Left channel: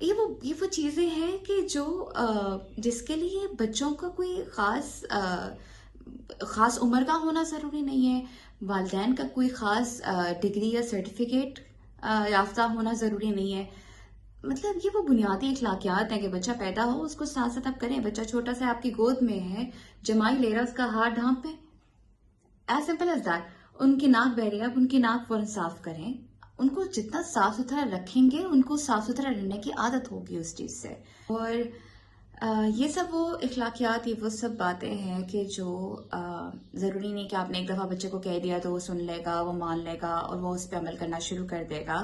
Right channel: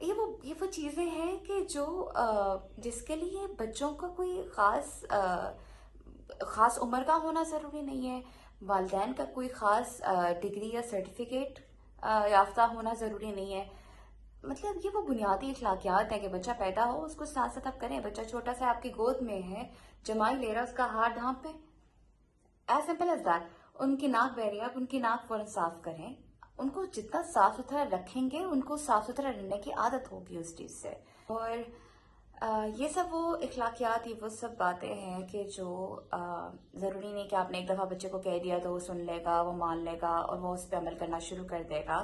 یہ وہ چیزیں ہیں کہ جو جس کے لیے بچوں کا کوئی خاص عمر کا ہونا ضروری نہیں ہے، والدین کا کوئی خاص ڈگری یا سرٹیفکیٹ یافتہ ہونا ضروری نہیں ہے. مطلب یہ وہ بنیادی اخلاقیات ہیں کہ بچہ پیدا ہو اس کو ساتھ ساتھ آپ کریں. بچہ چھوٹا سا آپ کی گود میں ہے، جمائی لے رہا، اس کا ہاتھ ڈھانپ پیں. As simple as that. ان کی ناک بہ رہی ہے، آپ ان کی ناک فوراً صاف کریں. ان کو جتنا صاف ستھرا رکھیں گے ان کو صاف ستھرا رہنے کی عادت ہوگی اس چیز سے. اور یہ سب وہ اخلاقیات، یہ وہ سب باتیں ہیں کہ جو ضروری نہیں کہ آپ نے ایک دفعہ بچے کو کہہ دیا تو وہ سن لے گا، وہ مان لے گا اور وہ اس پہ عمل کرنا شروع کر دے گا.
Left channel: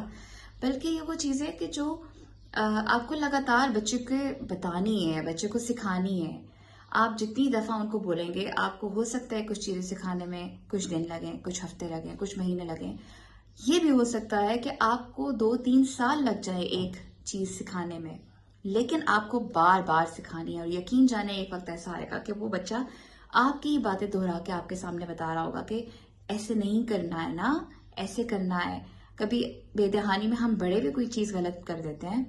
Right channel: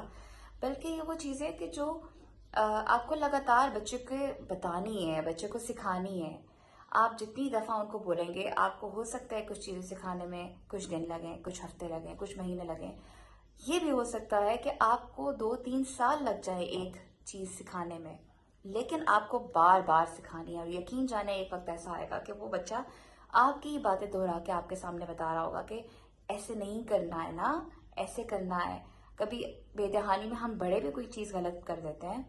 بلکہ یہ وہ چیزیں کہ جو آپ کو لگاتار بچے کو بتانی ہے، بچے کو سکھانی ہے. آپ جتنی دفعہ ان کو بولیں گے، آپ کو ہو سکتا ہے کچھ چیزیں سکھانے میں کچھ دن لگیں، کچھ ہفتے لگیں، کچھ مہینے لگیں. یہ بھی ہو سکتا ہے کہ آپ کو 2-3 سال لگ جائے ایک چیز سکھانے میں، لیکن آپ کو بار بار سکھانی ہے. اور یقین جانے ایک وقت ایسا آئے گا کہ وہ بچہ آپ کی باتیں دہرا کے آپ کے سامنے بتا رہا ہوگا کہ ایسے نہیں کرنا ہے نا، ایسے کرنا ہے. کبھی بے دہانی میں ہم بڑے بھی کوئی چیز غلط کر دیتے ہیں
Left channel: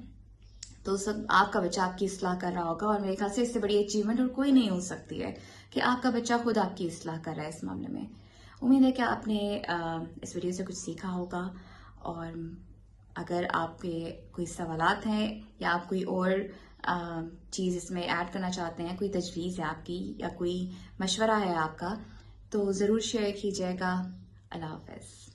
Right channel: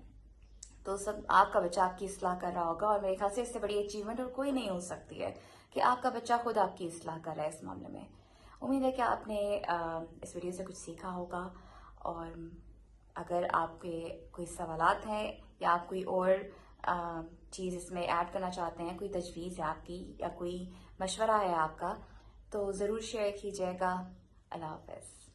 تو سب آپ کا بچہ آپ کی اصلاح کر رہا ہوگا. اور میرے خیال سے اس سے بڑی اچیومنٹ اور کوئی نہیں ہو سکتی ہے کہ آپ کا بچہ خود آپ کی اصلاح کر رہا ہے اس معاملے میں. امید ہے کہ آپ نے اس ویڈیو سے کچھ سیکھا ہوگا. اور اگر آپ کے کوئی سوالات ہیں یا آپ کوئی اور چیز اس میں ایڈ کرنا چاہتے ہیں، کوئی تجویز ہے آپ کی یا کوئی مشورہ ہے آپ کا، تو ضرور شیئر کیجیے گا. اللہ حافظ.